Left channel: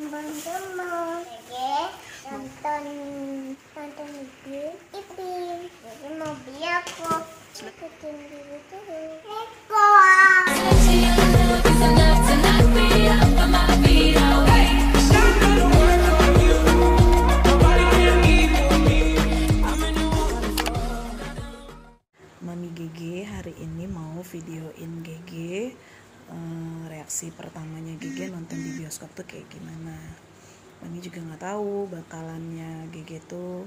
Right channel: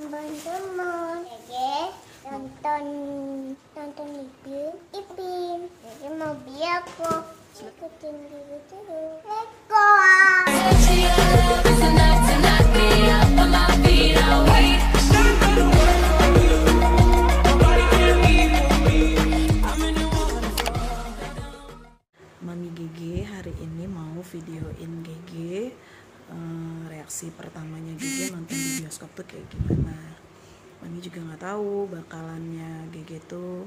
Teman-teman, nonton video Ipin. Jadi mau bioskop. Ikutin dulu terus. Let's go. Mami GG hari ini mau videoin GG reaksi pertamanya GG nonton di bioskop tuh kayak gimana. Mami juga nggak tahu bakalannya GG tuh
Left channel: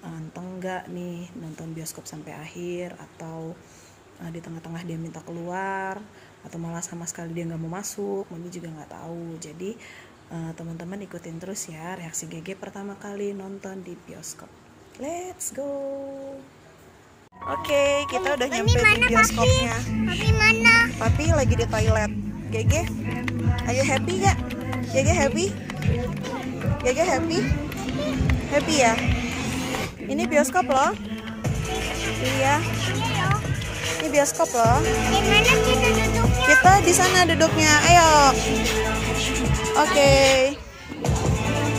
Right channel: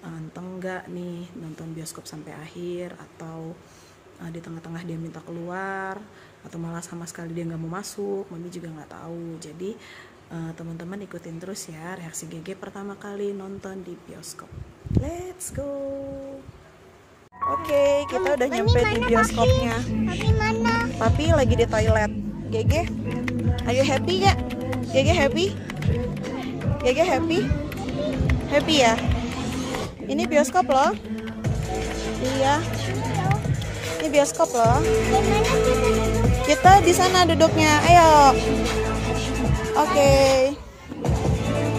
anteng nggak nih nonton bioskop sampai akhir, atau di tengah-tengah dia minta keluar, atau malah sama sekali dia nggak mau masuk. Mami juga nggak tahu. Jadi teman-teman ikutin terus ya reaksi GG pertama kali nonton di bioskop. Let's go. Oke, kita udah nyampe di bioskopnya. Papi mana? Papi lagi di toilet. GG, ayo happy gak? GG happy? GG happy? Happy ya? Ini bioskop loh. Iya. Ini bioskop loh. Gimana kita duduknya? Kita di sana duduknya. Ayo. Oke.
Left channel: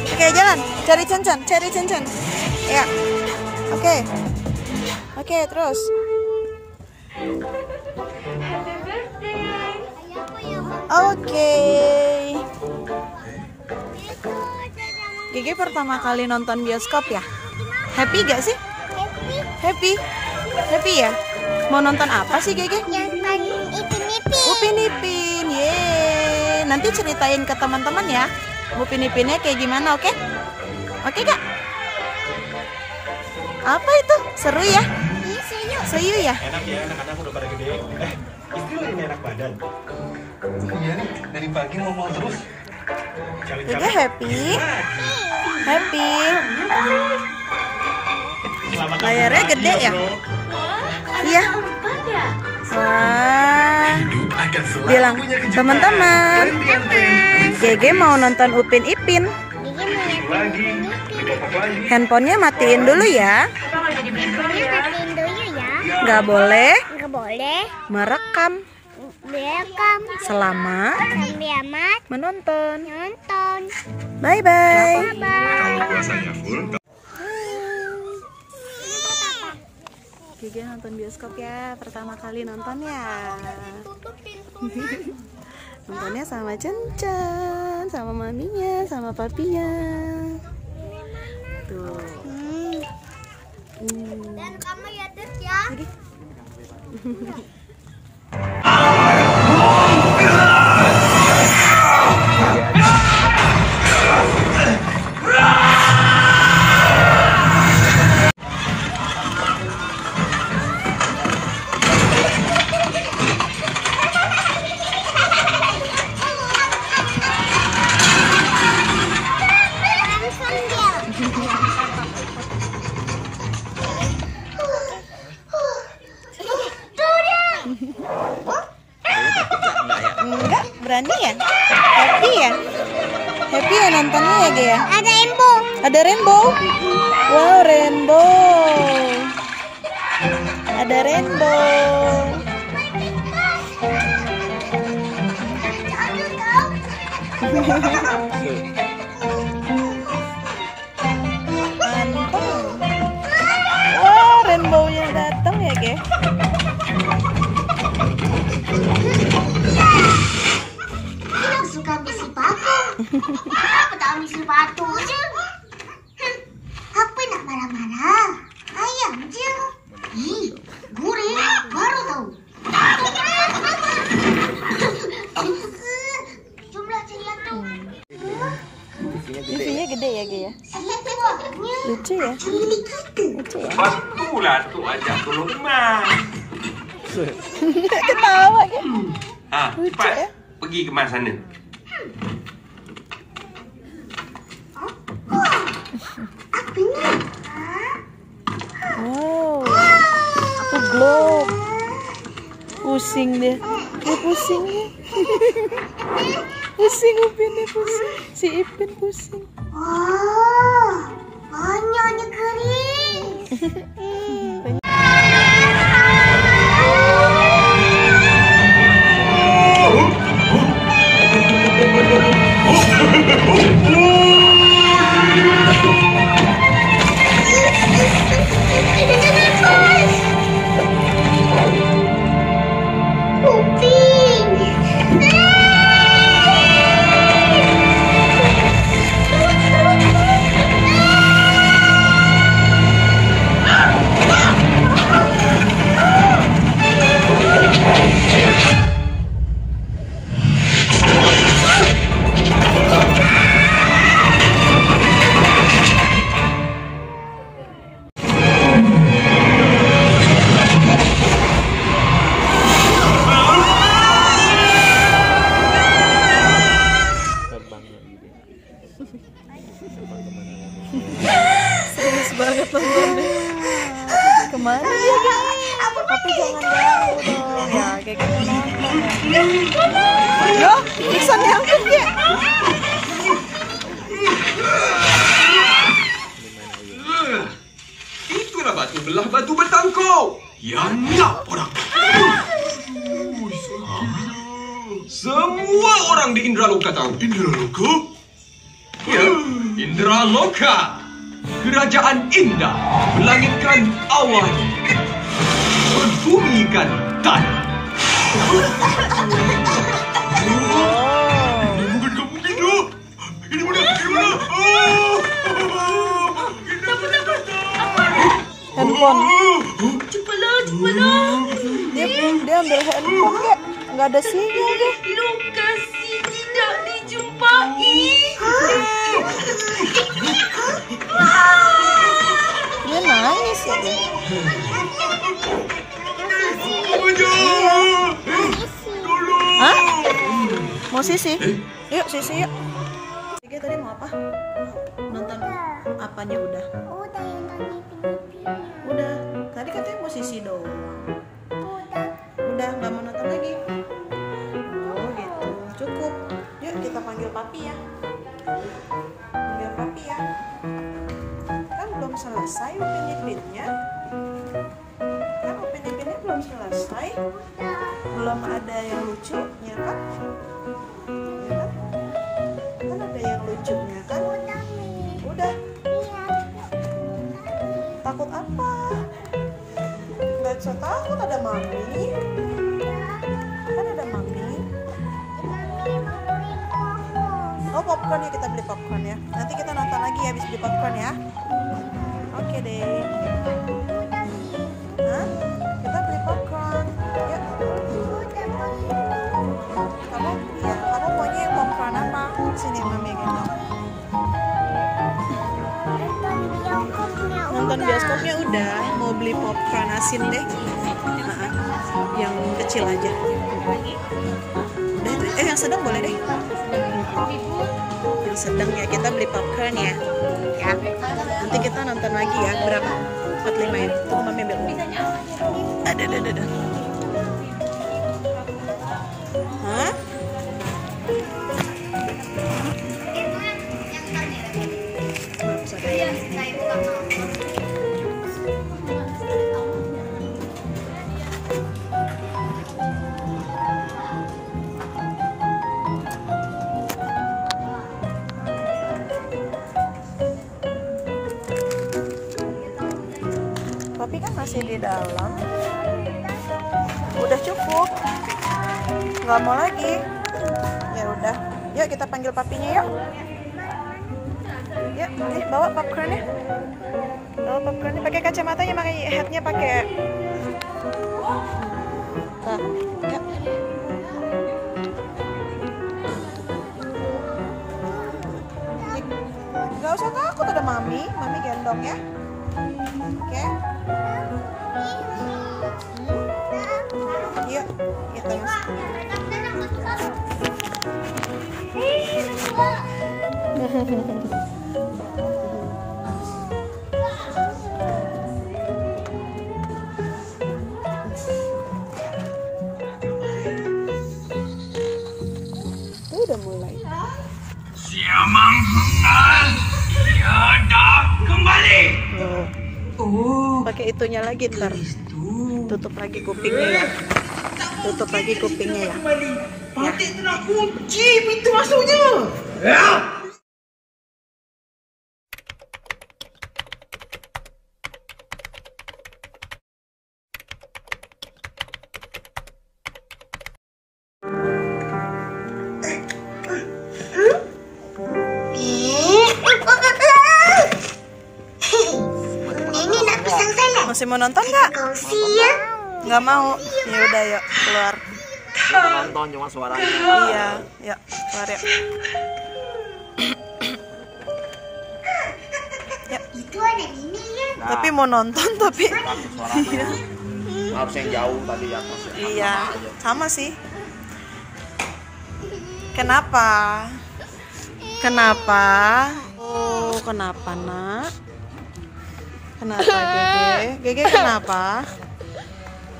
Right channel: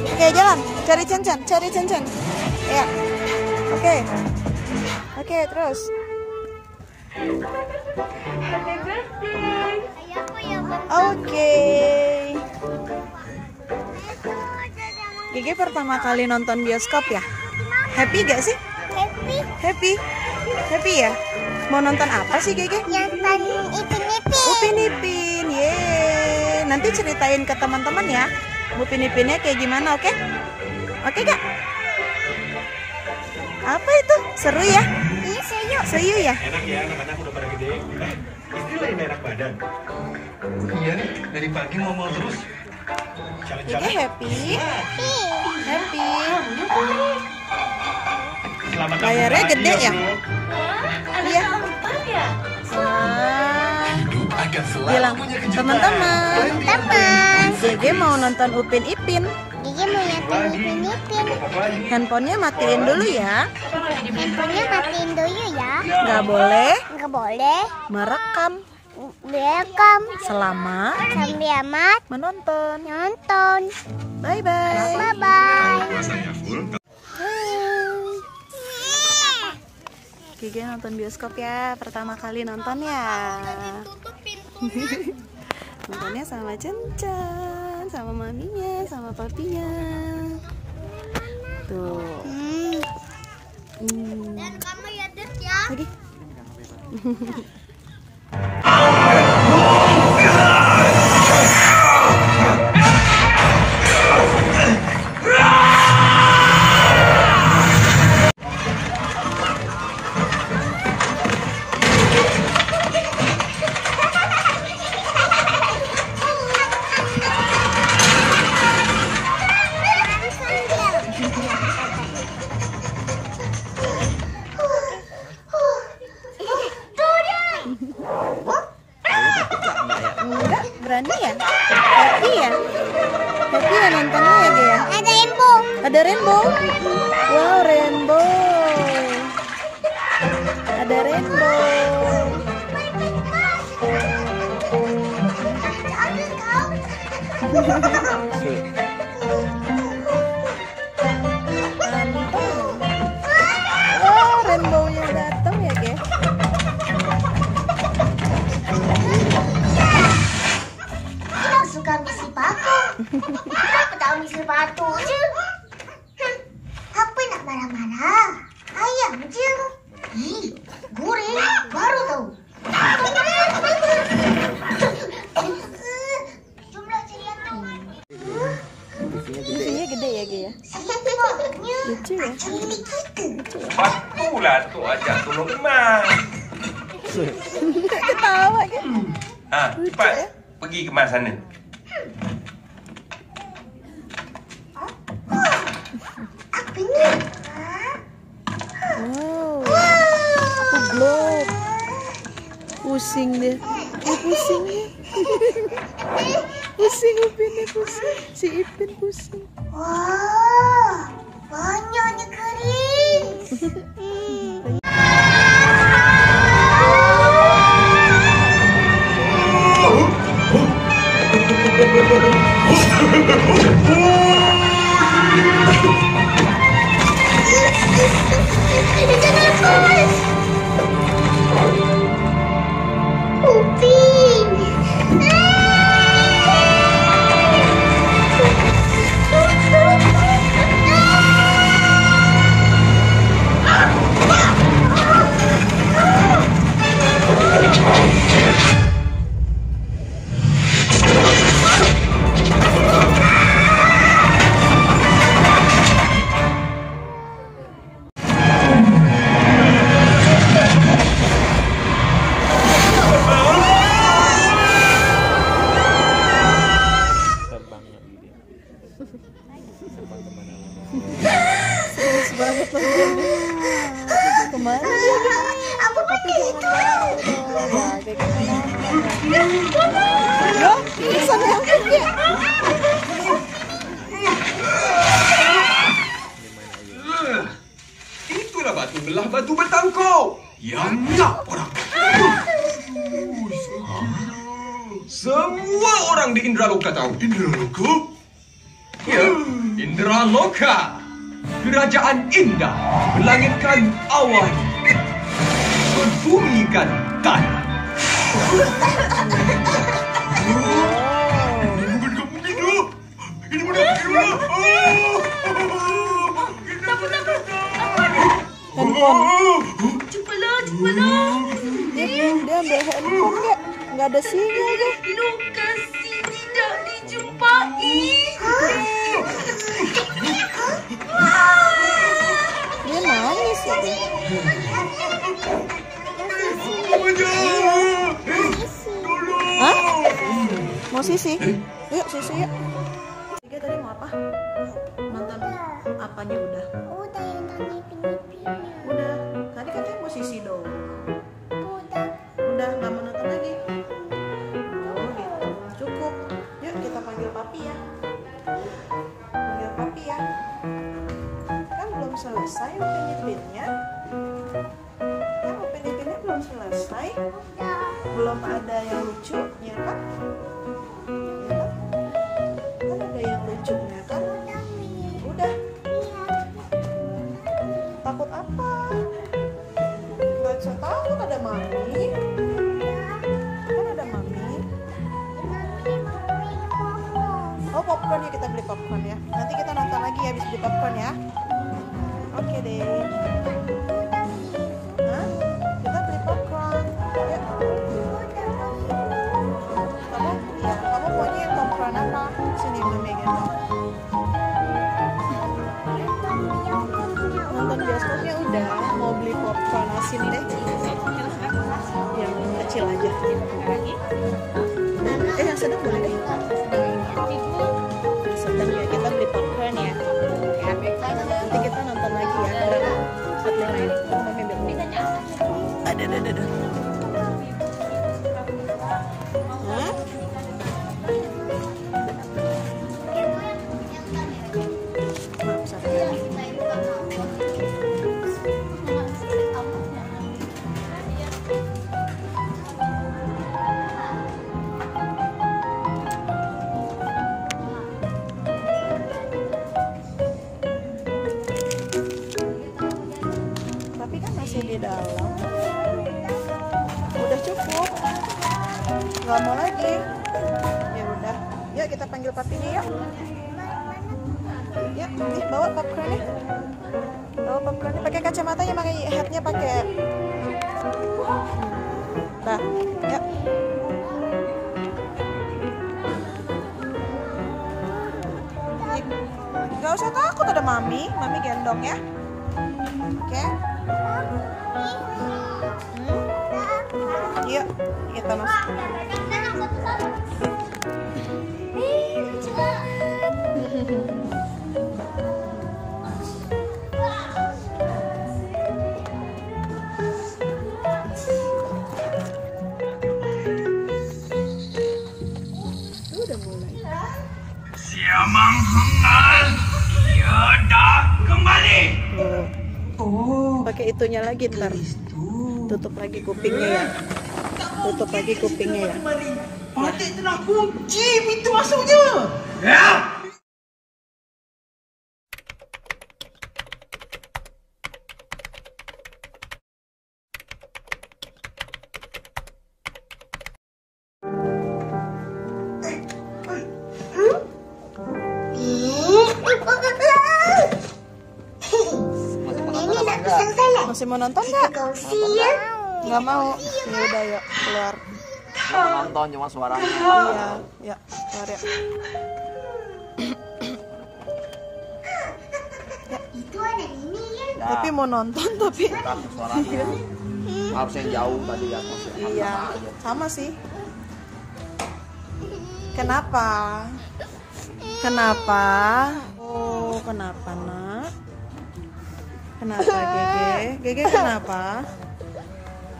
Oke, jalan. Cari Cen-Cen. Ya. Oke. Oke, terus. Happy birthday. Oke. GG pertama kali nonton bioskop ya? Happy gak sih? Happy ya? Mau nonton apa sih GG? Nonton Upin Ipin. Yeay. Nanti ceritain ke teman-teman ya Upin Ipinnya kayak gimana, oke? Oke gak? Apa itu? Seru ya? Iya, Seyu ya? Enak ya, anak-anak udah pada gede. Istri lu yang enak badan. Iya nih, dari pagi ngomong terus. GG happy. Layarnya gede ya? Iya. Wah. Bilang teman-teman, GG mau nonton Upin Ipin. Gigi mau nonton Upin Ipin. Handphonenya matiin dulu ya. Handphonenya matiin dulu ya. Nggak boleh merekam selama sambil amat menonton. Bye. GG nonton bioskop ya, pertama kali nonton ya. Nontonnya sama Cen-Cen, sama maminya, sama papinya. Tuh. Dan kamu ya Dut ya. Lagi. Enggak, berani ya? Happy ya nontonnya ya Ge ya? Ada rainbow? Wow, rainbow. Ada rainbow. Wow, rainbownya datang ya Ge? Suka ambil sepatu. Aku tak ambil sepatu je. Apa nak marah-marah? Ayam je. Ih, goreng baru tahu. Jumlah cerian tu. TV-nya gede ya Ge ya? Lucu ya? Itulah tu ajak tolong Mak. Ketawa Ge. Cepat pergi ke mana sana. Apa ni? Wow. Itu globe. Pusing deh. Pusing. Pusing Upinnya pusing. Si Ipin pusing. Wah, banyaknya kering. Oh, Serius banget nontonnya. Kemana dia? Tapi jangan ganggu dong. Ya, kayak gitu nonton ya. Loh, bisa diangkat ya? Itulah batu belah batu bertangkau. Yang nak orang. Semua orang di Indraloka tahu. Indraloka? Ya, Indraloka. Kerajaan indah melangitkan awan, membumikan tanah. Bukan kamu gitu. Ini mana? Handphone. Cepatlah. Dia ambil handphone nggak ada sinyal deh. Lokasi tidak dijumpai. Dia nangis ya deh. Hah? Mau sisi? Yuk sisi yuk. Tiga tadi mau apa? Nonton apanya udah? Udah yang tadi pindah-pindah. Udah. Tadi katanya mau sisi dong. Udah nggak mau nonton lagi. Oh gitu. Cukup. Yuk kita panggil papi ya. Panggil papi ya. Kan belum selesai Upin Ipinnya. Kan Upin Ipinnya belum selesai. Belum ada yang lucu, ya kan? Ya kan? Kan ada yang lucunya kan? Udah. Takut apa? Nggak usah takut, ada mami. Kan ada mami. Oh popcorn ya, kita beli popcorn ya. Nanti kita nonton lagi habis beli popcorn ya. Oke deh. Hah? Kita beli popcorn. Ya. Kamu maunya popcorn apa? Sini mami gendong. Nonton bioskopnya udah, mau beli popcorn asin deh. Yang kecil aja. Yang sedang boleh deh. Yang sedang ya, kita beli popcorn ya. Ya. Nanti kita nonton lagi ya. Berapa? 45 ya. Tunggu mami ambil uang. Ada. Hah? Maaf, sorry. Tapi kan masih di dalam. Udah cukup. Nggak mau lagi. Ya udah. Yuk kita panggil papinya yuk. Yuk, nih bawa popcornnya. Bawa popcornnya. Pakai kacamatanya, pakai hatnya pakai. Nah, yuk. Nggak usah takut, ada mami gendong ya. Oke. Yuk, kita masuk. Udah mulai. Siamang Hungal, tiada kembali. Oh. Pakai itunya lagi ntar. Tutup lagi kupingnya ya. Tutup lagi kupingnya ya. Patik telah kunci pintu masuknya. Ya. Masih mau nonton nggak? Kau siap? Nggak mau. Ya udah yuk keluar. Nonton cuma suaranya. Iya, yuk keluar yuk. Itu ada ini ya. Tapi mau nonton tapi Takut suaranya. Harus yang jauh tadi di atas. iya sama sih. Kenapa? Kenapa? Oh kenapa nak? Kenapa Gege? Gege kenapa?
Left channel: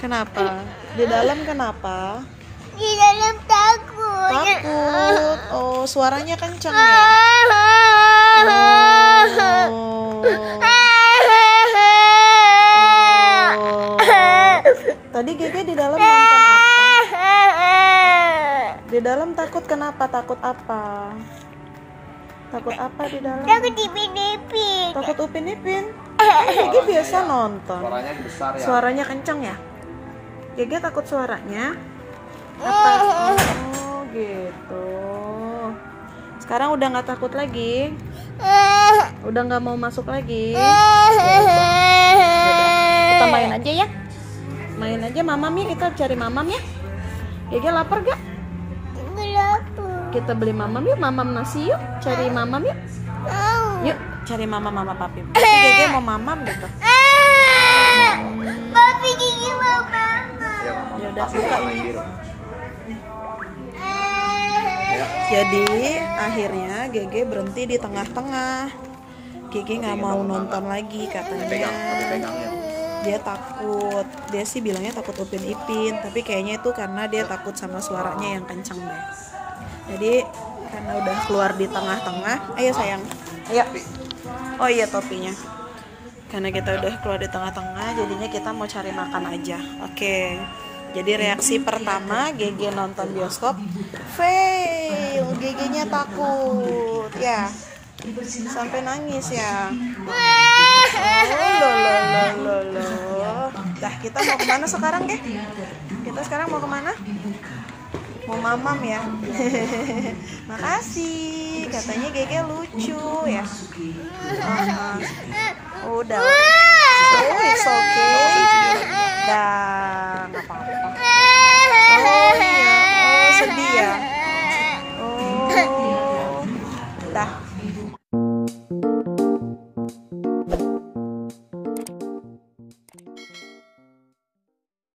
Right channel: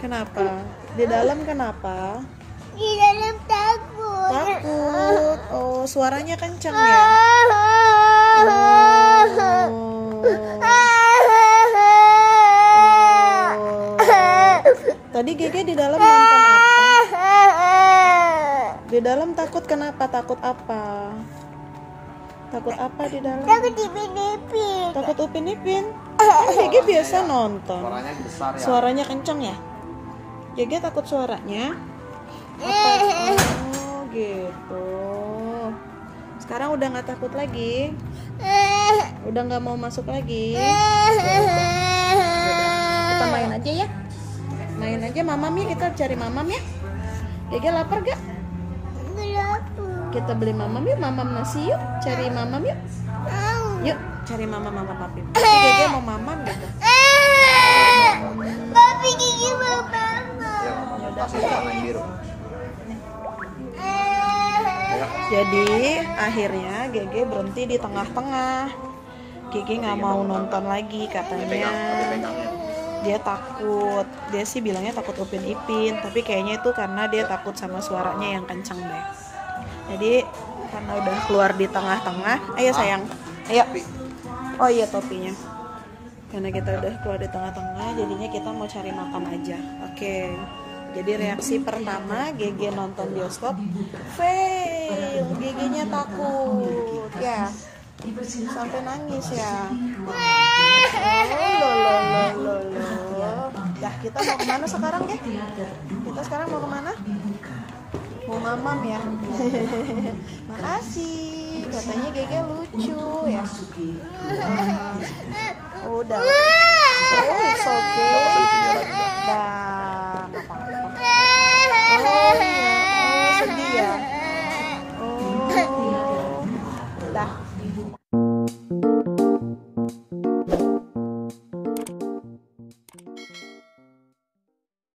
Kenapa? Di dalam kenapa? Di dalam takut. Takut. Oh suaranya kenceng ya? Oh. Tadi Gege di dalam nonton apa? Di dalam takut kenapa? Takut apa? Takut apa di dalam? Takut dipin-ipin. Takut Upin Ipin. Gege biasa nonton. Suaranya besar ya. Suaranya kenceng ya? Gege takut suaranya? Apa? Oh gitu. Sekarang udah nggak takut lagi? Udah nggak mau masuk lagi? Kita main aja ya? Main aja mamam ya, kita cari mamam ya. Gege lapar gak? Kita beli mamam yuk, mamam nasi yuk. Cari mamam yuk. Yuk, cari mama papi. Gege mau mamam gitu. Papi gigi mau mama. Ya, kasih warna biru. Jadi akhirnya Gege berhenti di tengah-tengah. Gege nggak mau nonton lagi katanya. Dia takut. Dia sih bilangnya takut Upin Ipin, tapi kayaknya itu karena dia takut sama suaranya yang kenceng deh. Jadi karena udah keluar di tengah-tengah, ayo sayang, ayo. Oh iya topinya. Karena kita udah keluar di tengah-tengah, jadinya kita mau cari makan aja. Oke. Jadi reaksi pertama Gege nonton bioskop, fail. Gege-nya takut, ya. Sampai nangis ya. Dah kita mau kemana sekarang deh? Kita sekarang mau kemana? Mau mamam ya. Makasih. Katanya Gege lucu ya. Udah. It's okay. Dah. Oh iya. Oh sedih ya. Oh. Dah.